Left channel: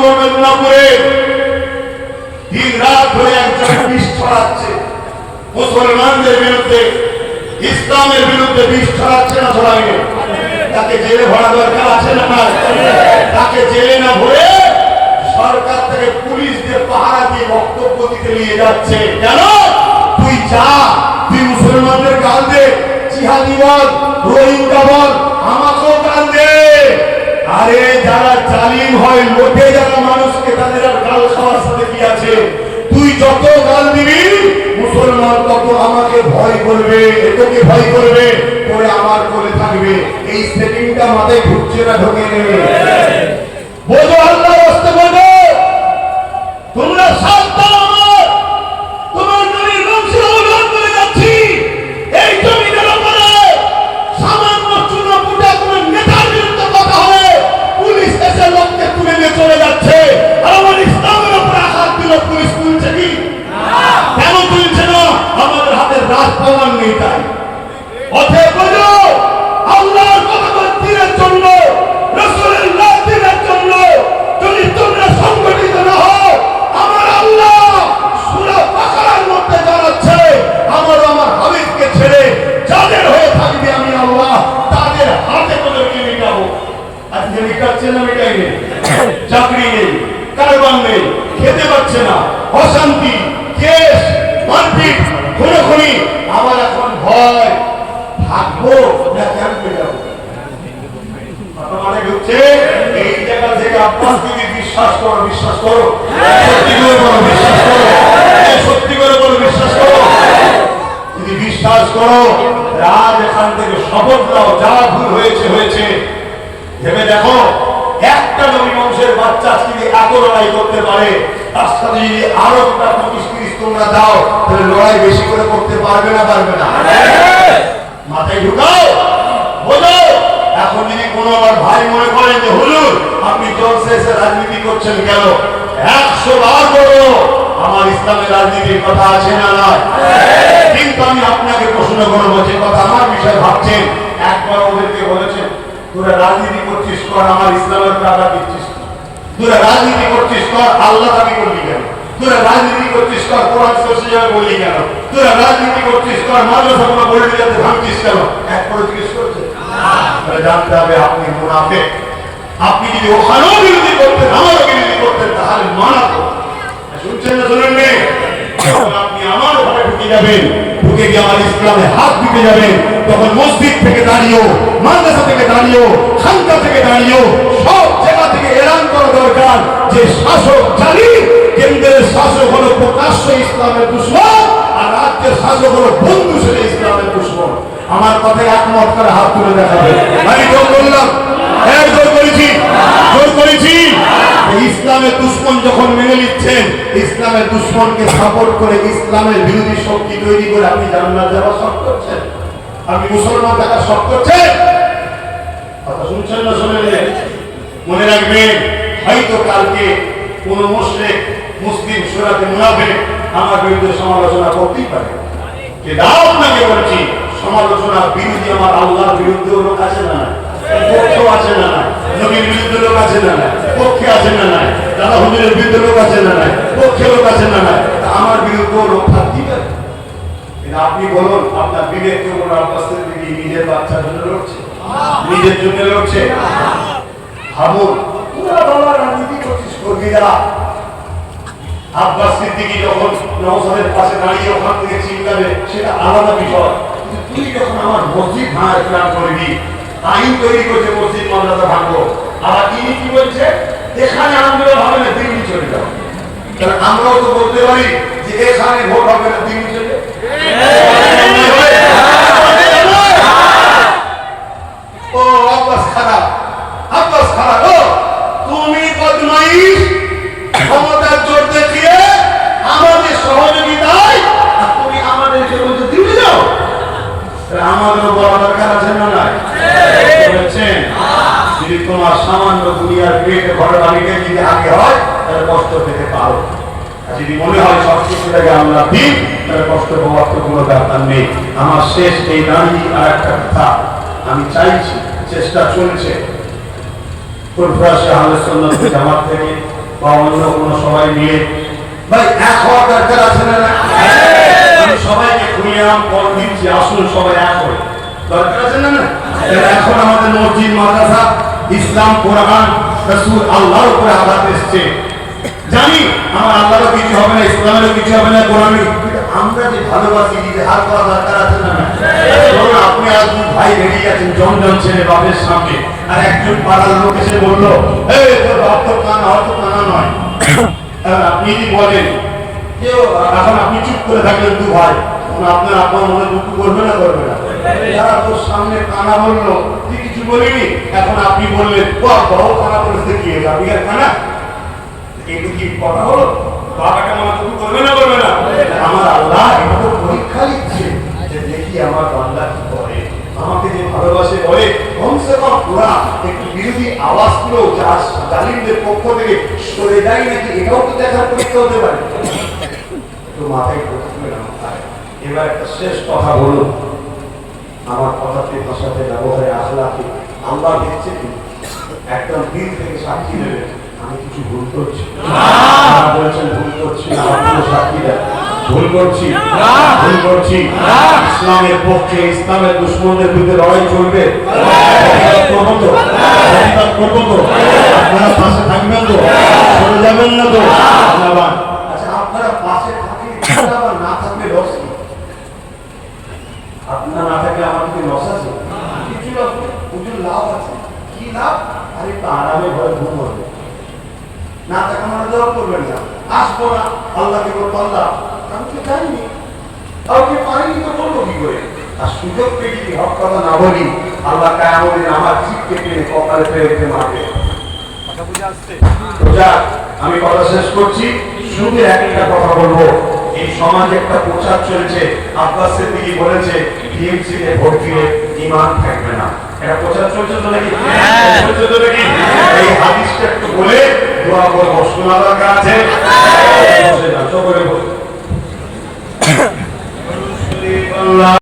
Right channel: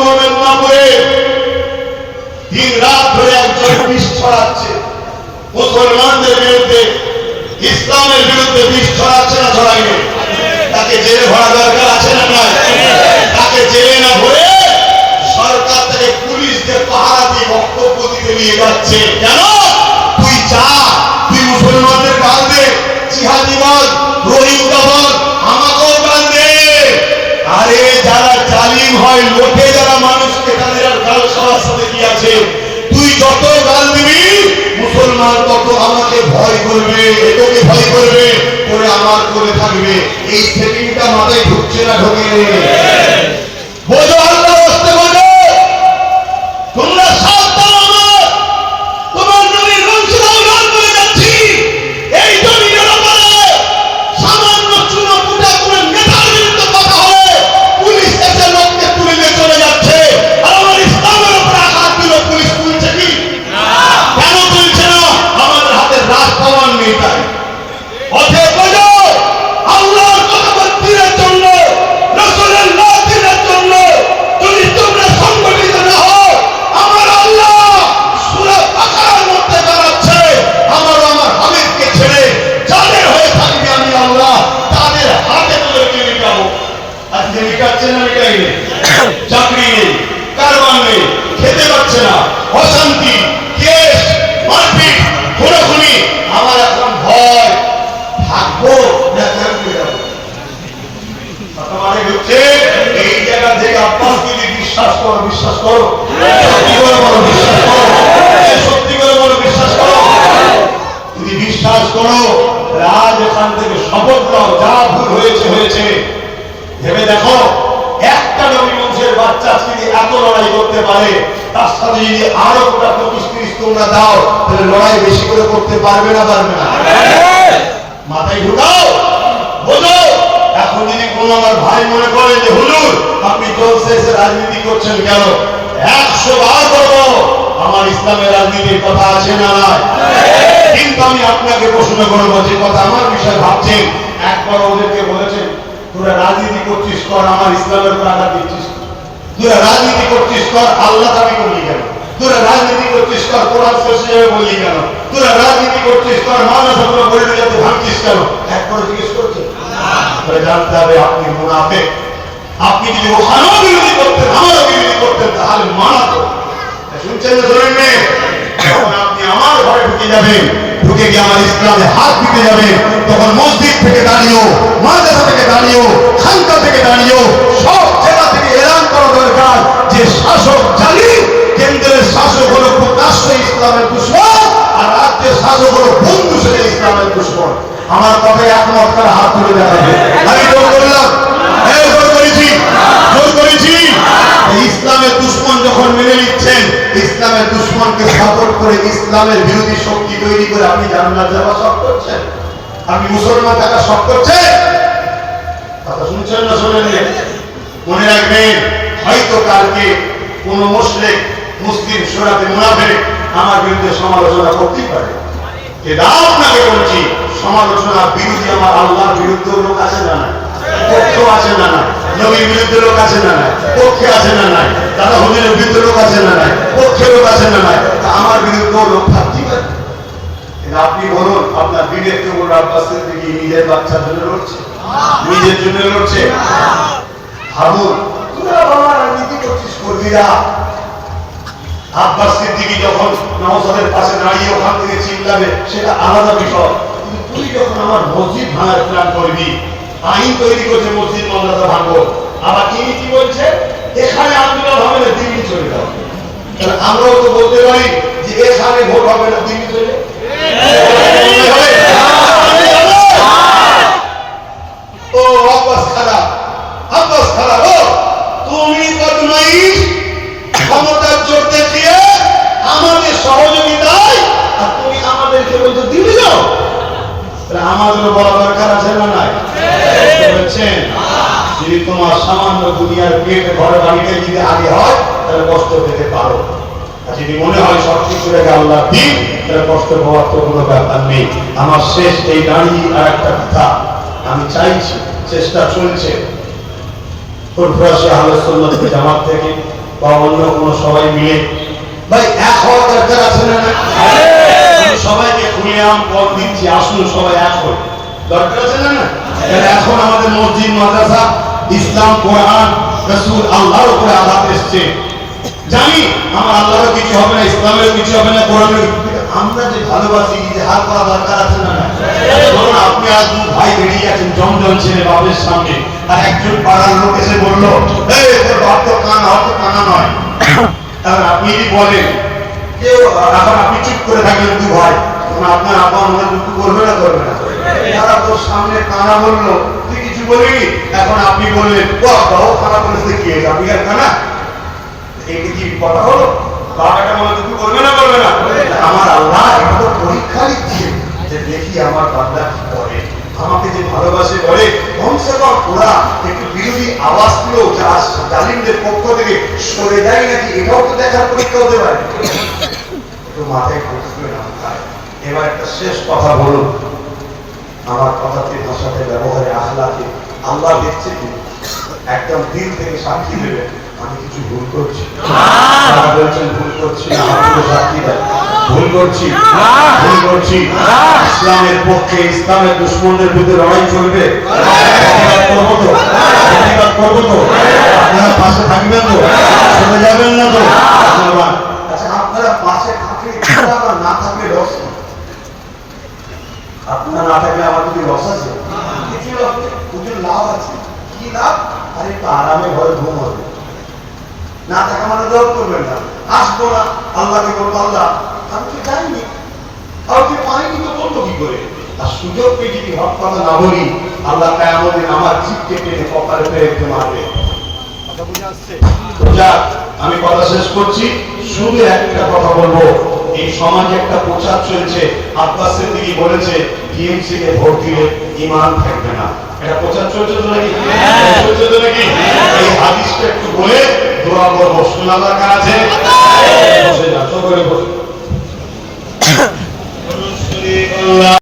মোমেন্নাপুরে দিন রাত ধরে একজন বিষ ছড়াচ্ছে মুসলমানদের বিরুদ্ধে, ইসলামের বিরুদ্ধে বিষ ছড়াচ্ছে না ছড়াইনি? তাকে জেলে ভরা দরকার আছে না নাই? তাকে জেলে না ভরে সরকার থেকে পুলিশ দিয়ে পাহারা দিয়ে বক্তব্য দিতে নিয়ে যাচ্ছে। কেন? তুই চা, তুই মুসলমানদের গাল দে, জিহাদি বল, রোহিঙ্গা বল, আমাকেও গাল দে। আরে যারা জালিম হয়, লোটে যারা মানুষকে, তাদের আর গাল সবার সাথে কি আছে? তুই যত গাল দিবি মুসলমান তত আমাকে ভয় করবে, এটাকে ভয় করবে, করে আমার করে থাকবে। এই সেটিংটা মাথায় ঢুকছে না? ঢোকে? বোঝো, আল্লাহ রাস্তে বোঝো। তোমরা সাবধান, আমার তোমার নবীর বংশের আওলাদ বলে যাচ্ছি। এই জমিনের উপরে সামান্য চুনাপুটা কোনো নেতার বিরুদ্ধে কথা হলে পুলিশ এসে লোককে তুলে নিয়ে চলে যাচ্ছে। আর আমার ইসলামের উপরে আঘাত দিল, পুলিশ তুলছে কি? কেন তুলছে না? আমাদের হাতে রাজ পাওয়ার নেই তাই। অতএব বোঝো, আল্লাহর কথা দিনের জন্য, রাসূলের দিনের জন্য যদি তোমরা সংগঠিত না হও, আমার আল্লাহ সূরা বাকারার মধ্যে জানাচ্ছে, আমার হাবিবকে ছেড়ে যাদের হয়ে থাকবে আমি আল্লাহ তাদের হাতে তোদেরকে মিটাবো। আজকে মিটাচ্ছে না? মিটাইবে। চাকরি নেই, কারবার নেই, খেতে পাচ্ছে না, অশান্তি, কেস, মারপিট, খুনোখুনি। আমার এখন ভয়, থাকবো না থাকবে যাবো। মানে হচ্ছে এই জায়গা থেকে আব্বাস যদি বিশ্বাস করো, বিশ্বাস করো, সত্যি করে বলো, বিশ্বাস করো, সত্যি করে বলো, বিশ্বাস করো। যদি বিশ্বাস করো, আজ এখান থেকে শপথ দাও, যা ভুল হয়েছে হয়েছে। ভেবে দেখো, একটা নবী বংশের বাচ্চা যদি এত লড়াই করতে পারে, তার সাথে যদি আরো 25-30 তোমরা দাও, তাহলে লড়াই বেশি করে করতে পারবে না? পারবে না? মাথায় ঢুকাও, বোঝো। এখন যদি কোনো আমার ভাই মনে করেন যে হুজুর আপনি জলসে এসে রাজনীতি করছেন কেন, 100 বার বলো, আমার ইসলামের রাজনীতির কথা আছে না নয়? কিন্তু আমি আপনাকে প্রশ্ন করবো, যে কথা আমার বিষয়ে ভাবছেন, একবার ওদেরকে বলেছেন তোরা রাজনীতি করছিস কর, আমার ইসলামের উপর আঘাত দিচ্ছিস? তোরা রাজনীতি করছিস কর, আল্লাহ দাবি করলি কেন? তোরা রাজনীতি করছিস কর, কোরআন শরীফ বললি কেন? তোরা রাজনীতি করছিস কর, মাদ্রাসাগুলো বললি যাতে ভাঙছিস কেন? একবার জিজ্ঞেস করছে? জানতে হবে আপনি মুনাফিক। আপনি যদি ওখানেও বিরোধী করতেন, আমারও বিরোধী করতেন, তাহলে মানাতো। শুনছেন না? শুনেন নে? আপনি আমার ঘরে ঢুকে যাবেন, ঢুকে গিয়ে আমার ইসলামে হাত দিতে যাবেন, তখন মসজিদ থেকে দাঁড়িয়েও, মাদ্রাসা থেকে দাঁড়িয়েও, খানকা থেকে দাঁড়িয়েও, সব জায়গা থেকে এলান করা দরকার যে শাসক জালিম, কেন্দ্রের শাসক হলো প্রকাশ্য ইসলামের দুশমন, আর রাজ্যের শাসক হলো বন্ধু সেটা ইসলামের দুশমন। আমার কথায় একমত করে হাত তুলে দেখাবে। আমি জোর করলাম? হ্যাঁ, জোর করেছি, জোর করেছি। ইসলামের দুশমন যখন মেনে নিচ্ছেন, ইসলামের দুশমনকে সাপোর্ট করে ইসলামের বিরোধী শক্তি তৈরি করে আপনি জান্নাত যাওয়া সব করছেন, আপনি মুসলমান থাকা সব করছেন। কথা শুনছেন না? শোনেন? মনে রাখবেন, হয়তো কালকে কোন মুশরিক মুসলিম সুরাতে মুনাফিক আমার বিরুদ্ধে সমালোচনা করতেই পারে, কিন্তু আপনাকে বলছি, সমালোচনা বিরোধী আমার আল্লাহর বিরুদ্ধে লোক আছে না নাই? পক্ষ আছে না নাই? নবীর বিরুদ্ধে লোক আছে না নাই? পক্ষে আছে না নাই? দাদা হুজুরের বিরুদ্ধে লোক আছে না নাই? পক্ষে লোক আছে না নাই? আমার বিরুদ্ধে লোক থাকতেই পারে। আপনি বলুন, আপনার বিবেক কেবল আব্বাসের দিকে নিজের বাচ্চার জন্য লড়ছে, নিজের জন্য লড়ছে? ভাবুন, তোরা বাবা রাজনীতি করছিস, করবি না। আব্বাস সিদ্দিকী যখন নওশাদের পাশে দাঁড়িয়ে ওখান থেকে চিল্লাবে, সেটা আলাদা বিষয়। কিন্তু তুই যখন আমার মসজিদ ভাঙার প্ল্যান করবি, আইন তৈরি করছে মসজিদ মর্যাদা ভাঙবো, আবার তিনি কি বলছে, এখানে আন্দোলন হবে না, দিল্লি চলে যাও। তাহলে আমরাও তো বলতে পারি যে এখানে ভোট হবে না, দিল্লি চলে যাও। ও আব্বাস খারাপ, আব্বাস খারাপ। ও তুমি বদমাইশ, ক্ষমতার জোর দেখিয়ে আমাদের সহযোগিতায় তুমি আমাদেরকে বলছো দিল্লি যাও। আমাদেরও বড় দরকার আছে না নাই? বলছেন যদি তোমার সামান্য দুনিয়ার পেটে ঘর বাড়িতে যদি আগে হয়, তাহলে কষ্ট পেতে পারো। যদি মনে হয় সবকিছু আগে আল্লাহ দিন, তাহলে কষ্ট পাওয়ার তো কোনো ব্যাপার নেই। আমার শেষ এই দাঁড়িয়ে আর একটা কথা আমি চাইছি, চেষ্টা চলছে ফুরফুরা আহলে সুন্নাত জামাত থেকে বা অন্য কোনো সবাই মিলে ভাই এক হওয়ার দরকার আছে না? আমি সবাইকে খুলিয়াম পথ দিচ্ছি, আসুন সবাই এক হই, দরকার আছে না? এখন আমাদের মসজিদ মাদ্রাসা ইসলাম কোরআন রাসূল আল্লাহর উপরে আঘাত এসছে, জানি আমার আল্লাহরও কিছু হবে না, ইসলামেরও কিছু হবে না, কোরআনের, কিন্তু আমরা যে ভালোবাসি যে হাত করা দরকার আছে না? ধরুন আপনি আজ দু ভাই বেরিয়ে গেছেন জমজম ছেড়ে বাপের সামনে, আর একজন পাড়ার লোক এসে বললো এই তোর বাপ তো কানা, অত কানা নয়, তাহলে আপনি যদি বলেন যে এখন আপনি চুপ করে থাকলেন দু ভাই, তখন আপনার আব্বা আমাদের মুখ করবে না করবে না? যারা তোর সামনে কানা বললো তুই কিছু বলিনি, এখন আপনি বললেন ও আব্বাও কানা বলেছে কি হয়েছে, আপনি আর কানা? এইটা কি কথা হলো? বাবাটা আমার তুমি করবে না করবে না? আমার আল্লাহ এটা তো পরীক্ষা নিচ্ছে যে দেখি আমার বান্দা কি করে, আমাকে যে ভালোবাসে বলে কমসে কম ওরা একটু বিরোধী আওয়াজ গুলো জালিমদের পক্ষ থেকে সরে যায় নাকি, এটাও তো দেখার পরীক্ষা হতে পারে। একটু মাথায় ঢুকবে না মাথায়। এবার একটা শেষ কথা বলুন, আমার কথাতে ভাষাতে ব্যবহারে আখলাকে আল্লাহ দেখছে কি একদম দিল থেকে সাক্ষী দেবে আমি কিছু ভুল করছি, বলছেন ভুল করছি না, সাক্ষী দেয় ভুল করছি, ভুল করছি। ইসলামের পক্ষে ইসলামের দুশমনদের বিরুদ্ধে লড়াই চলবে, করবো তো, করবো তো, আপনারা পাশে থাকবেন তো, চলে যাবেন না তো? আচ্ছা আপনারা পাশে থাকলে না থাকলে লস কি? আপনারা না থাকলে আমার কিছু লস আছে? কিছু লস নেই, প্রচুর লাভ আছে। কি লাভ? আরে একটু আরামে ঘরে ঘুম হবে, না থাকা মানে দোয়া করবেন না, আসবো না, আল্লাহকে বলবো আল্লাহ আমি তো জানিনি, কাউকে পাইনি তো বলবো কি করে? আর সুযোগ পেয়ে যদি হক কথা না বলি আল্লাহ কিয়ামতের আমার জিভকে টেনে কপালে ফেলে মারবে। কথা বুঝে আসছে? বুঝা? আমি কথা শেষ করছি, শুধু একটা কথা বলবো, এই সমাজে একটা প্রচার চলছে, আব্বাস সিদ্দিকী বলেছে টিএমসি কে ভোট দিলে ঈমান থাকবে না, এটা প্রচার চলছে তো নাকি? চলছে তো নাকি? এই হাদিসটা একটু বলে দোয়া করবো, শোনা দরকার আছে? বসে যাও, সকলে বসে।